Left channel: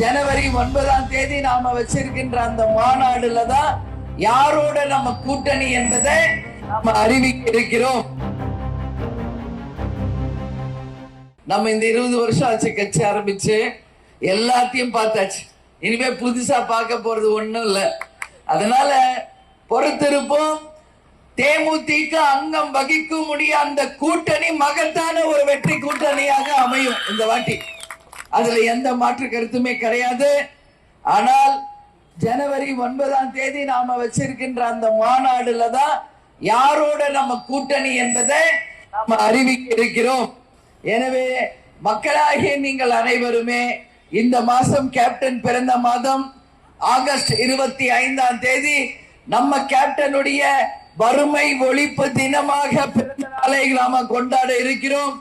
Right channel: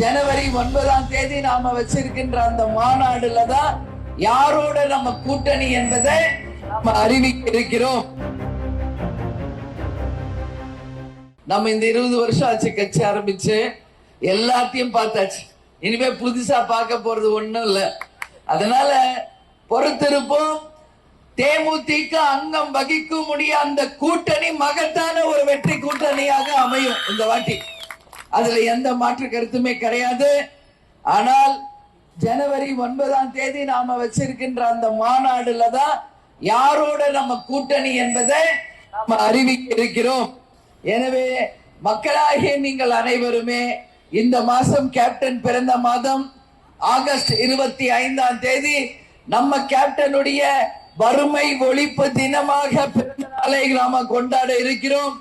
ஜனவரி ஒன்பதாம் தேதி நாம வச்சிருக்கின்ற அந்த மாநாடுல தான் யாரோட நம்ம கூட்டணி என்பதை நாம அறிவிக்க இருக்கிறோம். நம்ம இந்த இருபது வருஷம் ஆச்சு கட்சி ஆரம்பிச்சு. எல்லாத்தையும் பார்த்தாச்சு. இனிமே புதுசா பார்க்க போறது ஒண்ணும் இல்ல. அதனால பொறுத்திருப்போம். தேமுதிக அங்கம் வகிக்கும் முடிய அந்த கூட்டணி மகத்தான ஒரு வெற்றி கூட்டணியாக அமையும் இந்த வாட்டி. அதுல எந்த மாற்று கருத்துமே கிடையாது. ஆனால் ஜனவரி ஒன்பதாம் தேதி நாம வச்சிருக்கின்ற அந்த மாநாடுல தான் யாரோட நம்ம கூட்டணி என்பதை நாம அறிவிக்க இருக்கிறோம். எனவே மக்களாகிய நீங்கள் அனைவருமே இந்த மாசம் கேப்டன் பிறந்த மாதம் ஆகஸ்ட் இருபத்தி ஐந்தாம் தேதி நம்ம கேப்டனுடைய வறுமை ஒழிப்பு தினமாக பிறந்த நாளை நாம கொண்டாட இருக்கிறோம்.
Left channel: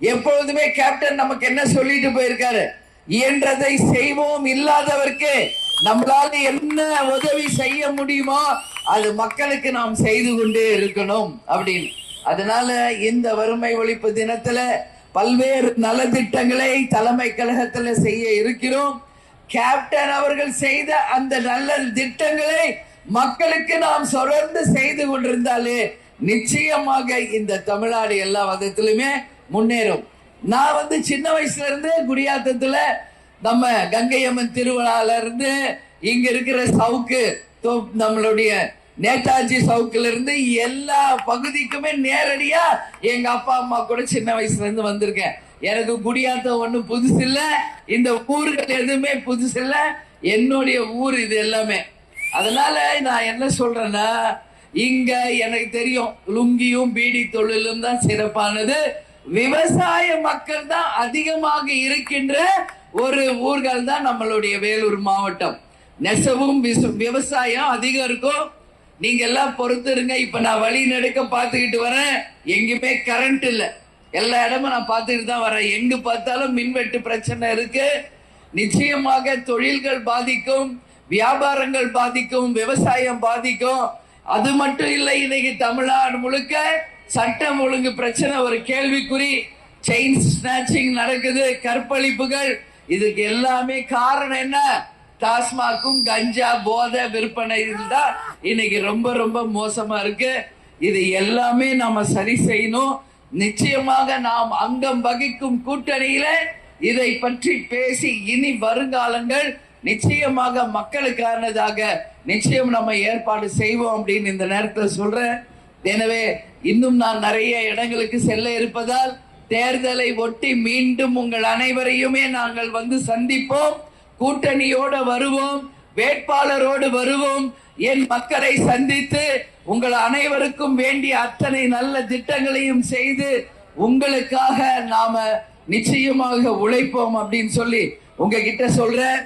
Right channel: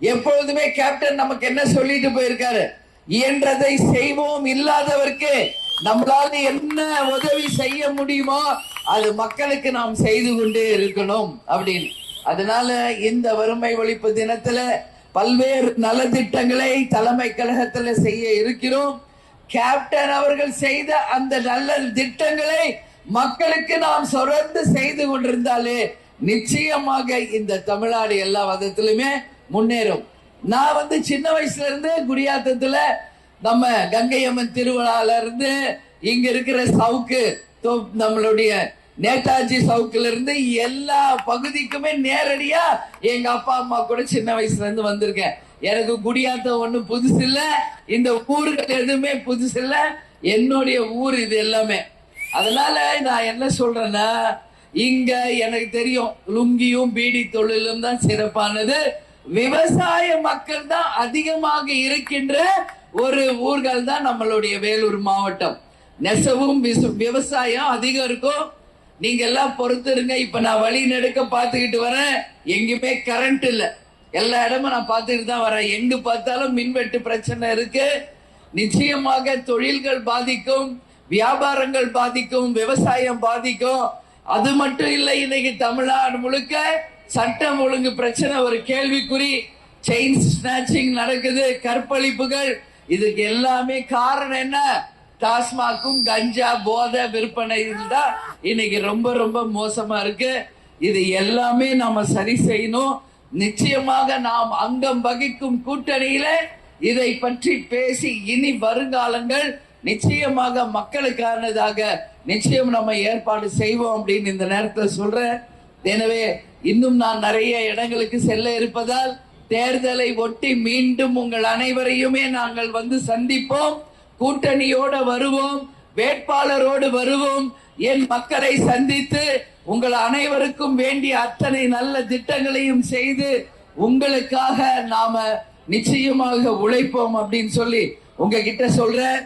எப்பொழுதுமே கேப்டன் நமக்கு என்ன சொல்லிட்டு போயிருக்காரு? இயன்றதை செய்வோம் இல்லாதவர்க்கு நம்மளால என்ன உதவி செய்ய முடியுமோ அது மக்களுக்கு நாம் செய்து கொண்டே இருக்கணும் அப்படின்னு. அதனால இந்த வறுமை ஒழிப்பு தினத்துல பல்வேறு நலத்திட்டங்களை தலைமை கழகத்துல செய்ய இருக்கிறோம். கேப்டன் அவர்கள் செய்த அந்த நல்ல திட்டங்களை மக்களுக்கு நாம் தொடர்ந்து செய்து கொண்டிருந்தாலே நிச்சயமாக இந்த தமிழ்நாடு எல்லா விதத்திலுமே முன்னேறும். நான் வந்து சின்ன வயசுல இருந்து குடியாத்தத்துல நம்ம கங்கையம்மன் திருவிழால இருந்து இங்க இருக்கிற சவுக்கு நம்மளுடைய நேதாஜி சவுக்குல இருந்து எல்லா பகுதிக்குமே நேரடியா எங்க அப்பா அம்மா கூட சின்ன வயசுல இருந்து வந்திருக்கேன். எனக்கு குடியாத்தம் ஒண்ணும் புதுசு இல்ல. இந்த ஊர்கள் எதுவுமே புதுசு இல்ல. என்னுடைய ஊர் இது எல்லாமே. அதனால நான் என்ன சொல்றேன்னா இங்க எனக்கு தெரியும் லுங்கியும் பீடி தொழிலும் தான் சிறப்பானது. விவசாய மக்கள் தான் அதிகமாக இருக்கின்ற ஒரு ஊர்கள் தான் நம்மளுடைய வேலூர் மாவட்டம். நெசவும் விவசாயம் அதிகம் இருக்கும். நீங்க எல்லாம் பொறுத்திருங்க. இப்ப நான் வழி நெடுக்க பார்த்துக்கிட்டு வரேன். எங்கேயுமே கரண்ட் இல்ல. எல்லா இடமும் நான் பார்த்துக்கிட்டு தான் வரேன். எங்க பார்த்தாலும் மின்வெட்டு பிரச்சனை இருக்கு. நிச்சயமாக தொழில்கள் பாதிக்கும். வியாபாரங்கள் பாதிக்கும். விவசாயம் பாதிக்கும். அது மட்டும் இல்லை இன்னைக்கு தமிழ்நாடு முழுக்க சட்டம் ஒழுங்கு பிரச்சனை ஒரு கேள்விக்குறி. செயின் ஸ்நாச்சிங் நடக்குது கற்பழிப்புகள். இதுக்கு எல்லாமே காரணம் என்ன? டாஸ்மாக்கும் கஞ்சா போதை விற்பனை தான் இன்னைக்கு ரொம்ப ரொம்ப மோசமா இருக்கு. இது எல்லாமே நாம சரி செய்யணும். நிச்சயமாக நாம் அங்கம் வகிக்கும் கூட்டணியில இதை பற்றி பேசி இனி வருங்காலங்கள் நிச்சயமாக மக்களுக்கானதாக நிச்சயம் நம்ம ஏற்பாடு செய்வோம் அப்படின்னு இந்த நேரத்தில் சொல்றேன். எனவே இன்னும் நான் நிறைய இடங்களுக்கு செல்ல இருப்பதால் தேர்தலை ஒட்டி மீண்டும் உங்கள் அனைவரையுமே நாங்கள் வந்து சந்திப்போம். கூட்டணியோட வருவோம். வேட்பாளரோடு வருவோம். என் மக்களை சந்தித்து உங்கள் அனைவருக்கும் வேண்டிய அத்தனை நல்ல திட்டங்களையும் செய்து உங்களுக்காக நாம நிச்சயமாக உழைப்போம் அப்படின்னு சொல்லி உங்ககிட்ட சொல்றேன்.